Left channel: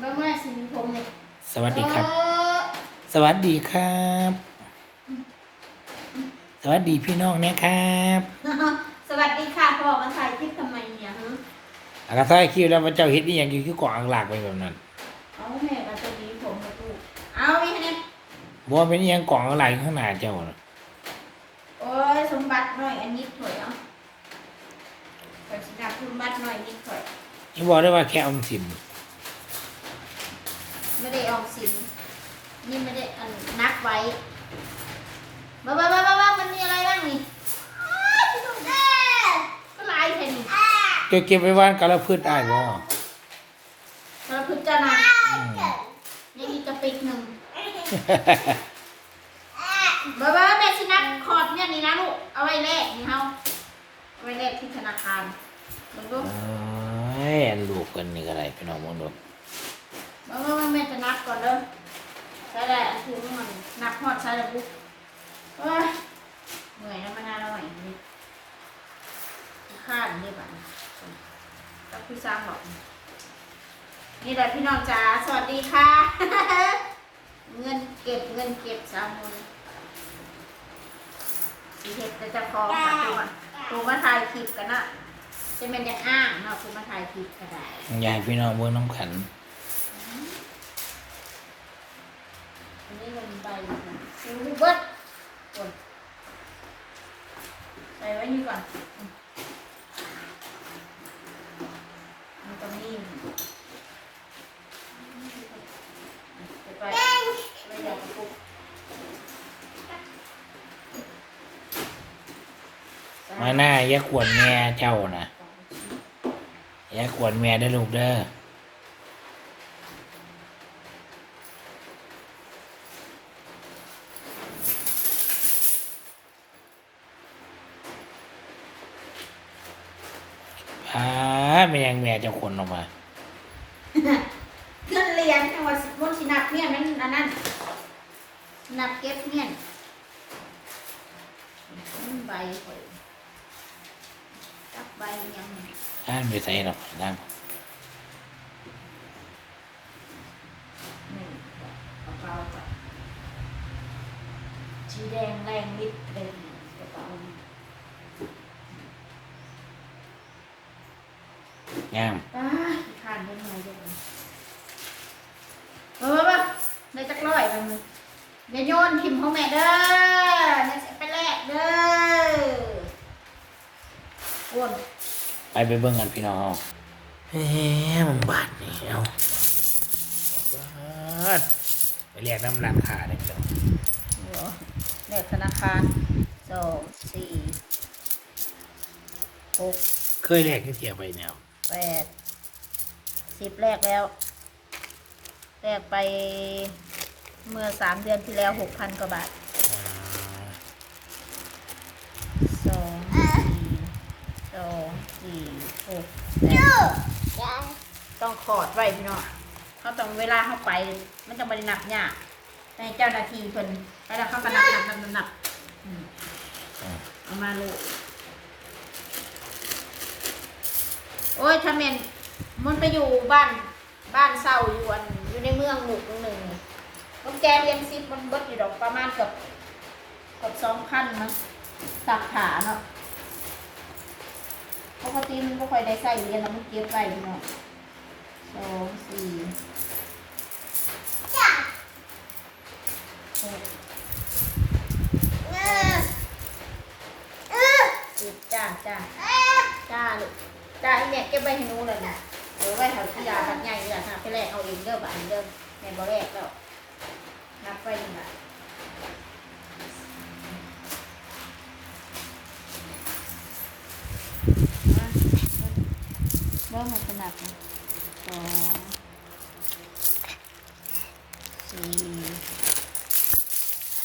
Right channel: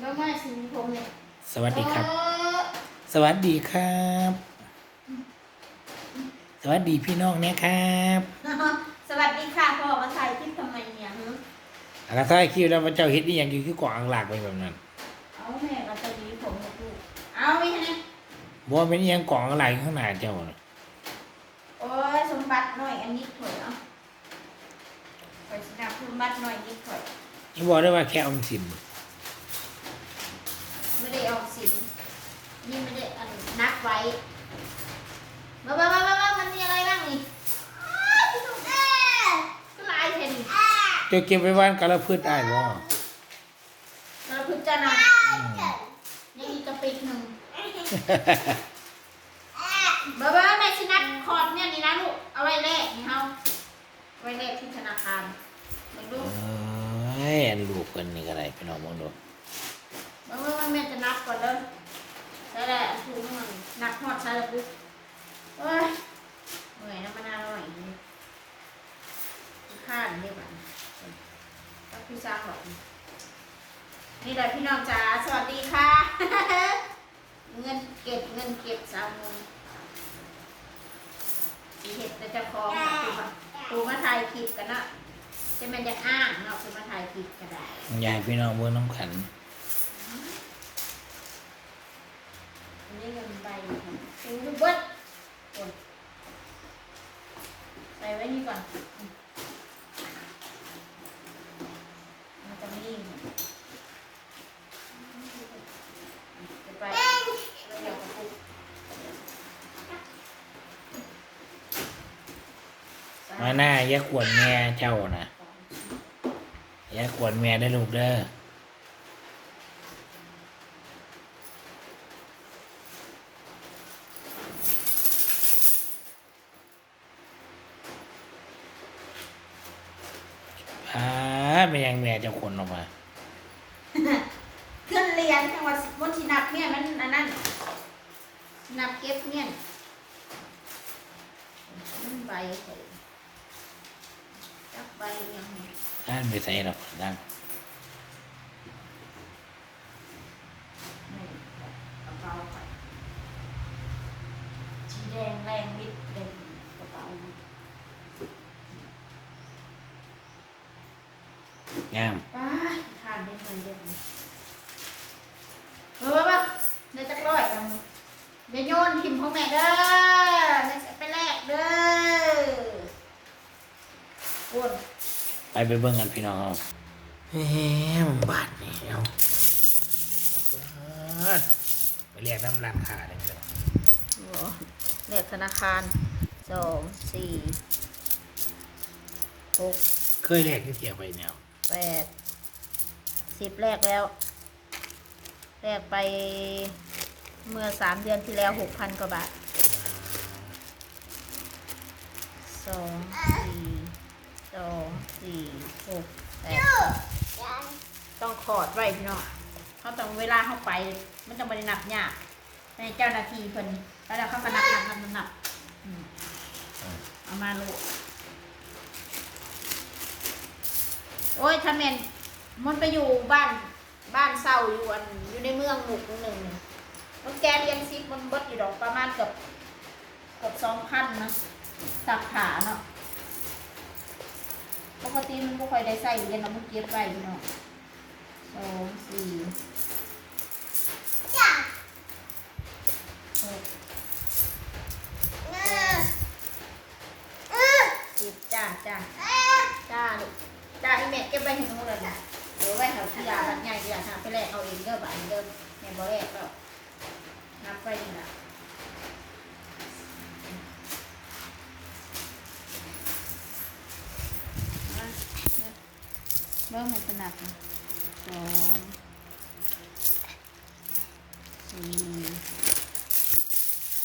เมื่อเมื่อสินผมเนี่ยสวัสดีครับเออสวัสดีครับ สวัสดีพี่น้องนะครับ สวัสดีค่ะพ่อมาถ่ายคลิปทำไมเนี่ยฮะอากาศใต้คิวแล้วพระเจ้าเฮ็ดนี่ยังอยู่ที่กวางหลากไปแบบนั้นเอาแม่ก็จะดีผมกับลูกเอาไปให้เนี่ยบ่ว่าเป็นอิหยังกวางหลากอยู่ข้างหน้าเจ้าน่ะโอ้ยสมบัติหน่อยอันนี้ถอยเอาไปสินาสมบัติหน่อยนิดถอยนี่บอกได้ว่าแค่ออมสิน ไม่ได้ออกสินนี่ไม่ได้อันนับไว้บ้าบ้าบ้าบ้าบ้ามันมีอะไรบ้างนี่อ้าวพี่หนุ่มแม่ก็ลายแค่นี้เจ้าเก็บไว้บ้านกะละพืชได้บ่แล้วพึ่งจะนะยังอีกกระปิกหนึ่งบ้าบ้าแม่ชินัดคอร์ดเนี่ยนี่นะลูกเอาไว้แลกนี่เฮาเอาไว้แลกที่ธนาคารลองดูเอ้ยอันลูกเพิ่นนี่ก็ได้พี่น้องมองดู บ้าบ้าแม่จะนับก่อนเด้อใช่แหละถุงมันนับฮอดใช่แล้วปุ๊บโอ้ยเหนื่อยนะมันาน่าอร่อยนี่ข้านเรียบอะก็พี่สร้างบอกนี่แหละพี่น้องจ๋าสวัสดีค่ะ เงินเก็บเงินเก็บสาวมนสีเห็ดแต่จะคองค่ะตัวตัวมาถ่ายคลิปกันนะจะเป็นจะอ้างเนาะตัวมาถ่ายคลิปก็ได้ยากให้พี่น้องเบิ่งน้ำขันอัน นี่ก่อนมันก็มีเก็บไปไว้เดี๋ยวกระปุกมาหน้าอย่าขวนแม่เจ้านะอย่าขวนแม่ได้ลูกเด้อ อ่าไม่ยังแม่เจะขวนออกมาเครื่องเรียนจังหวัดมณฑินับเนี่ยมันอันนั้นนับเก็บเนี่ยมันใบข่อยจับใบยังไงอ่านไปใส่หรอกนั่งไม่กระเป๋าไปสีแดงแรงนิดเป็นกระเป๋างามป้าทานได้ไหมเดี๋ยวนี้เออบ้าในจักร้อยกันอย่าโยนทิมของแม่เด้อแม่จะไปแลกเด้อวนไปไปเบิ่งกันพี่น้องเอาเฮ้ยมันบาดนี่เอาบาดไปเรียกน้ำร้านค้าเลยพี่น้องเลขธนาคารสองสี่หกเคยเรียกที่เทียบไปเนี่ย แปดสิบแรกแล้ว แรกไปเมื่อสามเดือนที่แล้วหกพันกว่าบาทสองสี่สองสี่หกแปดต้องขอดไว้พี่น้องเขาต้องเวลาเข้าไป มันจะบริหนักยากในเจ้าหน้าที่เพิ่นเวลาเขาก็นับนับนับนับนับอืมเอามาลูก โอ้ยถ้าแม่นมันไปอยู่บ้านบ้านเศร้าอยู่อันอยู่ในเมืองหมู่หนึ่งมันแกเรียนซิปมันเบิดอยู่ดอกประมาณเกับเกับสองพันมั้งสักขาเนาะปกติมันไม่ค่อยได้ใส่เรียนแล้วมันเก็บไว้เนาะสองสี่หกสิบจ้าจ้าจ้าลูกจ้าอีแม่เก็ บไว้ให้หนูเลยนะเดี๋ยวไว้เขาที่ยาบัดใหญ่เดี๋ยวหาไปแลกเอาเองเด้อบัดเด้อแม่บ่แลกแล้วนับไว้นี่ล่ะเริ่มมันขนาดสองสี่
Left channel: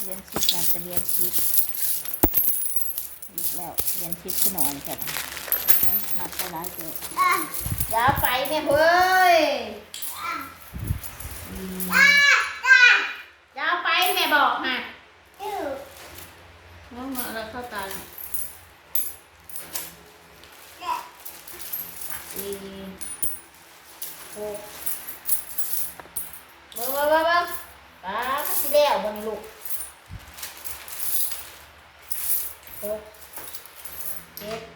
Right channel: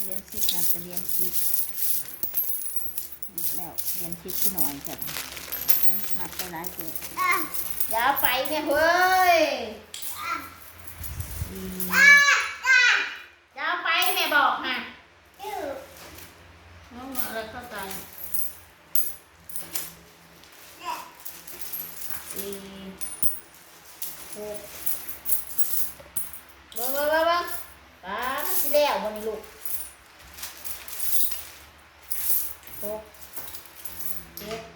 เรียนสิบอาจะเรียนสิบหมดแล้วเรียนสิบขึ้นหน่อยจ้ะ มาไปไหนเถอะอย่าไปแม่เฮ้ยอย่าไปแม่บอกฮะน้องมาแล้วเข้าตาสี่หกเบิ้งเบิ้งเบิ้ป้ามันสิแล้วบนนี้ลูกหกเจ็ด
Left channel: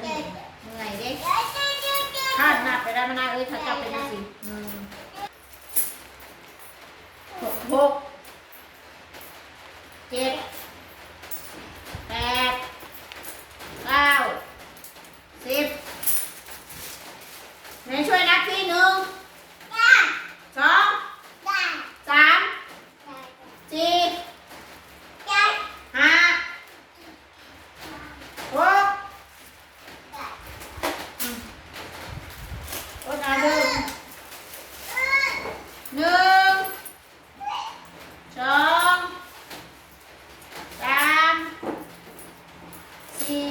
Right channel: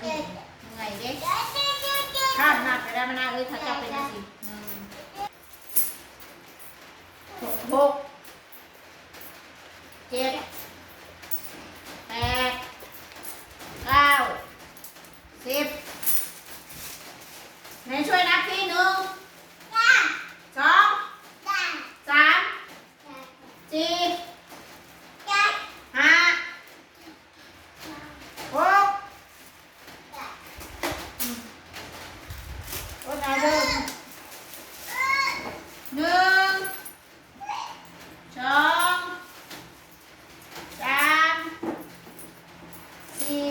เหนื่อยเด้คาดนับไปได้มานาเอ้ยถ้าจับเป็นสิหนึ่งหกหกเจ็ดแปดเก้าสิบไหนช่วยนับที่หนึ่งสองสามสี่ห้าหกอืมโอ้ตายเดิมหนึ่งสองสามสี่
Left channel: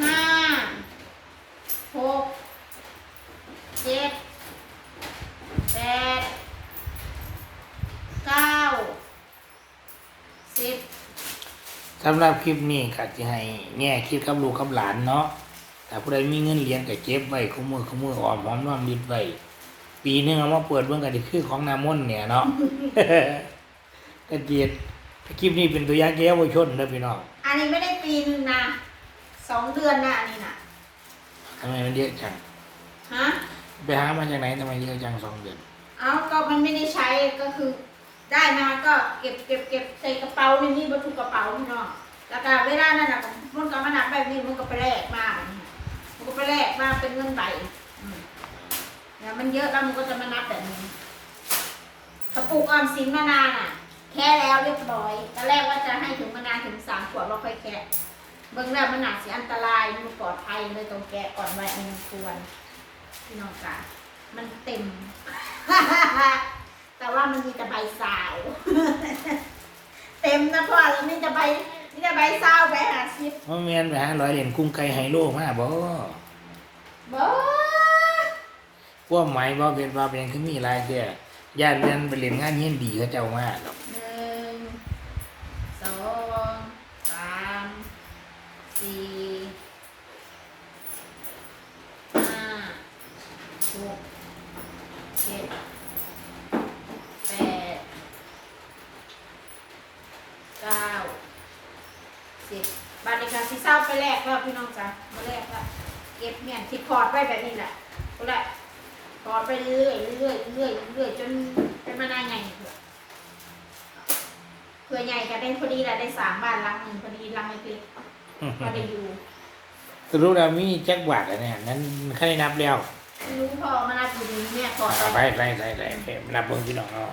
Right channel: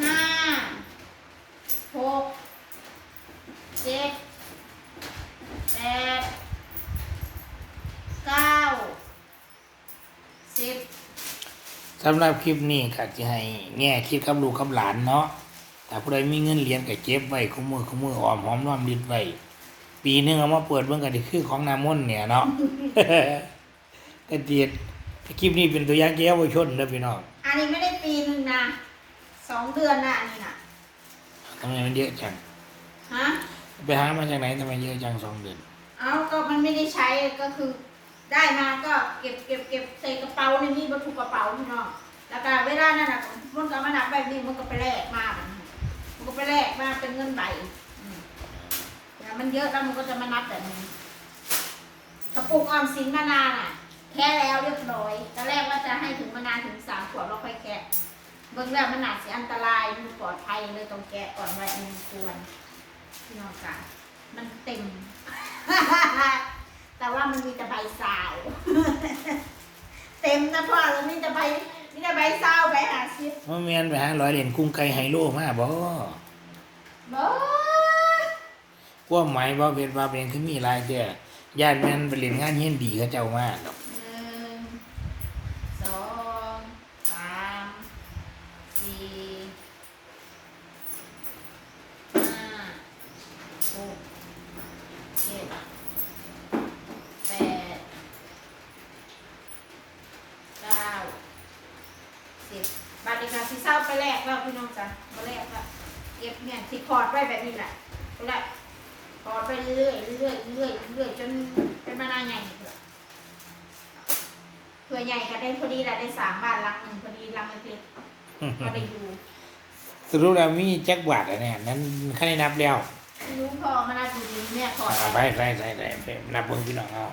ห้าหกเจ็ดแปดเก้าสิบ สำหรับคลิปนี้ก็จะให้แง่คิดกับลูกกับหลานเนาะแต่ผู้ใดมีเงินเหรียญก็เก็บไว้ขมือขมือออมหอมรอมริดไว้ปีหนึงเอามาเปิดเบิ่งกันที่คือของนามนต์เนี่ยเนาะก็เดียดคลิปนี้เป็นตัวอย่างแก้วชนเด้อพี่น้องอันนี้ไม่ได้ปีนึงนะสองเดือนนะอันนี้นะทำไมมันเยอะจังฮะไปหามาจากไหนทำไมเยอะจังสองเดือน เอาก็มันไม่ได้ใช้ก็คือ ได้มาก็เก็บเก็บเก็บใส่กระเป๋านนี้บรรทุกกระเป๋าพี่น้องแล้วก็เวลานั้นนะมันก็มานับแบบนี้มันก็ไปแลกมาแบบนี้มันก็ไปแลกมาเป็นเงินใบอืมแล้วมันเยอะแล้วมันก็จะมานับแบบนี้กระปุกออมสินมานานอะ แค่แล้วเรียบร้อยตอนแรกว่าจะให้ถึงมานานถึงสามขวบเราค่อยแกะเบื้องแรกมันหนาเสียอันตรายมันปลอดภัยเลยต้องแกะก่อนไว้อันควรพี่น้องจ๋ามันเต็ม แต่ว่ามันมีแต่ใบสาว เต็มนะพ่อเลยมีแต่ใบมีแต่ใบสาวใบหาซิบว่าแม่นไปหาร้อยเหรียญกุ้งไก่ไฮโลมาบ่บ่พวกหมายบ่เป็นว่าเป็นคือมีหลายแก่ญาติแม่นไปเล่นงานเฮียนดีเขาเจ้ามาหนึ่งสองสามสี่ห้าหกเจ็ดแปดเก้าสิบ บัตรเด็กการที่เศร้าไปแลกแล้วพี่น้องจ้ะมาแลกแล้วเก็บเนี่ยที่คอร์ดไว้แบบนี้แหละก็แหละคอร์ดไปเรื่อยๆเรื่อยๆเรื่อยๆเรื่อยๆจนเป็นมานานใหญ่เถอะเพื่อใหญ่ก็ได้พอดีแหละได้สามบ้านหลังหนึ่งพอดีหลังเล็กๆก็ได้อยู่สรุปแล้วมีแจ็คบาทอะเนี่ยนั้นใครนับแล้วไม่รู้พอมานาอยู่ดีแม่ขออ่าไปไปไปไปไปนับบนพี่น้องเอา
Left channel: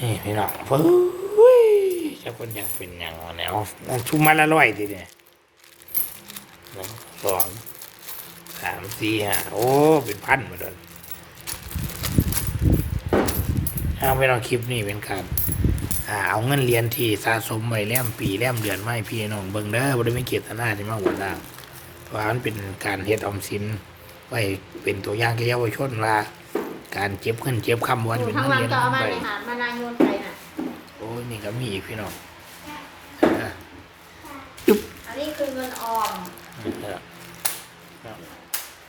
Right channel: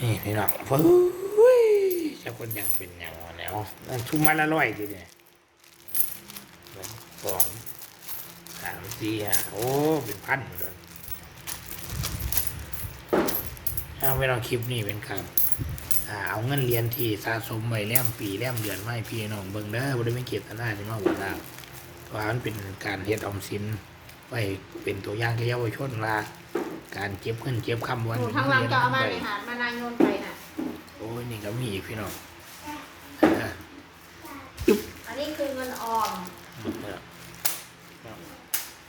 นี่พี่น้องเฮ้ยเจ้าคนยังเป็นอย่างวะเนี่ยเอาเอาชุมมาละร้อยทีเนี่ยหนึ่งสองสามสี่ห้าโอ้เป็นพันหมาเลยเอาไปลองคลิปนี้เป็นการอ่าเอาเงินเรียนที่สะสมไว้แล้มปีแล้มเดือนไม่พี่น้องเบิ่งเด้อบ่ได้ไม่เกียรติหน้าที่มาหัวหน้าเพราะมันเป็นการเฮ็ดออมสินไว้เป็นตัวอย่างแก่เยาวชนว่าการเก็บเงินเก็บคำวันอยู่เป็นทั้งเงินวันเรียนก็เอามาไปในหาดมานายโยนไปน่ะโอ้ยนี่ก็มีอีกพี่น้องอันนี้คือเงินออมนะครับ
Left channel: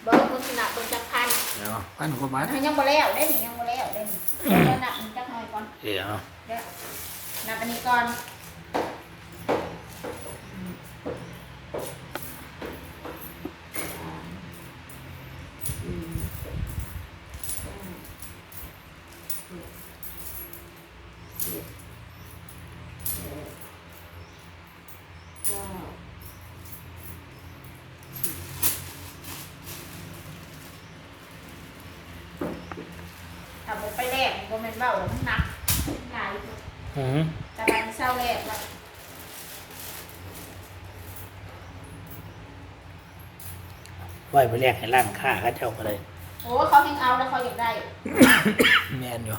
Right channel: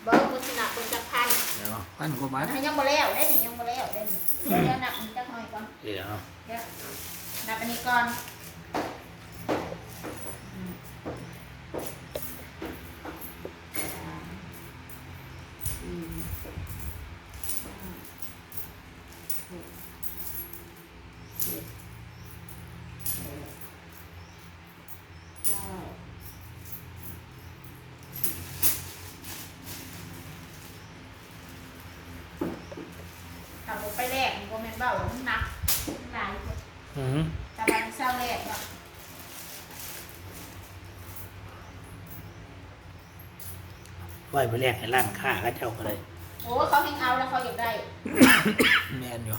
เบิร์กุศลเบิร์จักพันเนาะพันกว่าบาทยังบ่แล้วได้หนิยังบ่แล้วได้หนิเดี๋ยวนับอีกจักหน่อยก่อนเดี๋ยวเดี๋ยวนับอันนี้ก่อนสี่ห้าหกเจ็ดแปดเก้าถ้าผม ไปแรกมันก็แม่นเบ้าแล้วมันหนักหลายอยู่อืมแต่บันเศร้าแรกละไว้ไปแลกให้ร้านค้าเขาเจ้าก็เลย โอ้เขาเฮงเอาแล้วเขาอยากได้ แม่นอยู่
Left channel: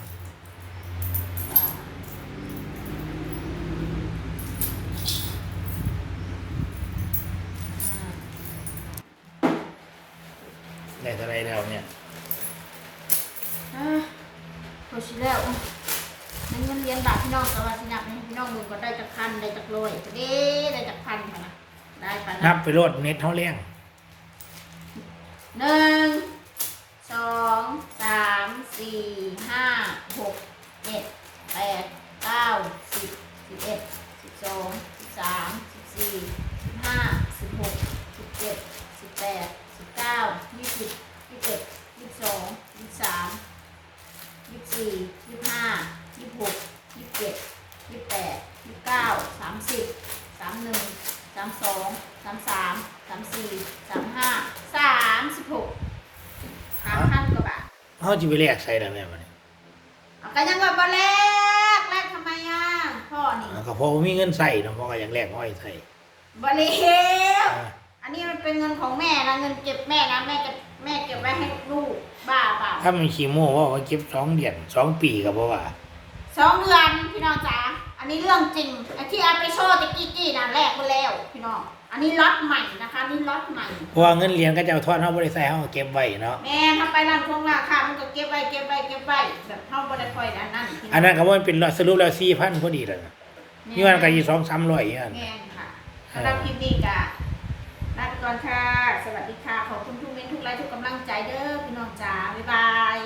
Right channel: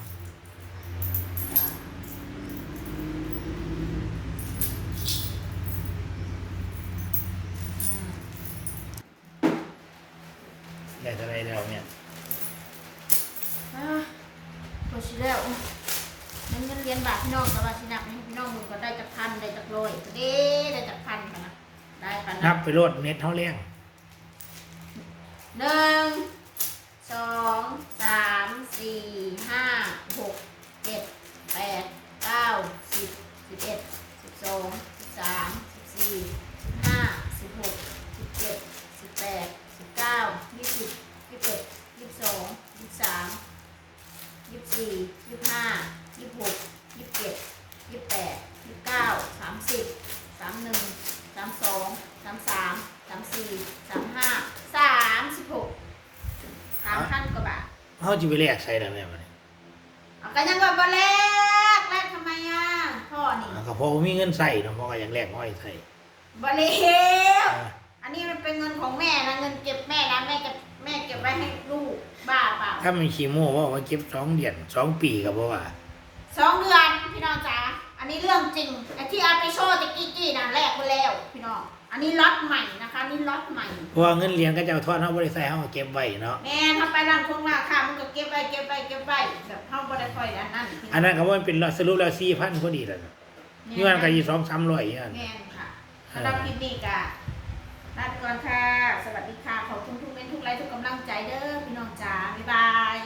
เท่าไรแล้วเนี่ย อะพอชิแล้วในเงินเรียนบาทพี่น้องสวัสดินับให้พี่น้องมึงก็ได้จากพันได้จากร้อยเด้ได้จากพันพะนะได้ปะนันะบไปโลดเน็ตเท่าเลี้ยงหนึ่งสองสามสี่ห้าหกเจ็ดแปดเก้าสิบสิบเอ็ดสิบสองสิบสามสิบสี่สิบห้าสิบหกสิบเจ็ดสิบแปดสิบเก้ายี่สิบยี่สิบเอ็ดยี่สิบสองยี่สิบสามยี่สิบสี่ยี่สิบห้ายี่สิบหกยี่สิบเจ็ดยี่สิบแปดยี่สิบเก้าสามสิบสามหนึ่งสามสองสามสามสามสี่สามห้าสามสิบหกสามพันกว่าบาท เขาจะไปแลกใส่แล้วแม่มันเอาก็ยังว่าบ่แลกแลกทำไมอะพ่อนี่ก็เพราะว่ามีเงินใส่เนาะเพราะก็อยากแลกห้อยใส่บ่เลวอ่าอันนี้มันเป็นเงินของแม่นะเงินเก็บแม่นะแม่เก็บแม่เก็บไว้ให้ลูกบ้าเปล่าถ้ามันขี้โม่ว่าว่าเก็บสองเดือนสองปีก็เพราะว่าสองเดือนพี่น้องจ๋าอันนี้เรื่องจริงไอ้ที่เอาไปโชว์ตะกี้กี้น่ะแลกไปแล้วพี่น้อง อันนี้ล็อตใหม่นะคะนี่ล็อตใหม่ เพราะว่าเงินเลี้ยงก็จะเอาทอดเขาบริษัทเขาก็เก็บไว้เนาะแม่ถ้าไปร้านคงราคามันก็เก็บไว้เก็บไว้เก็บไว้แบบเท่าบ่ได้ค่อยแล้วนั่นพี่อันนั้นก็ว่ามันเป็นสรุปแล้วสี่พันพอดีแล้วนะนี่มันก็อยู่สองสามร้อยอย่างนั้นแม่นค่ะสำหรับคลิปนี้กะลาไปก่อนค่ะ สวัสดีค่ะ ขอบคุณทุกเม้นทุกไลค์ทุกกำลังใจเด้อพี่น้องจ๋าบ๊ายบาย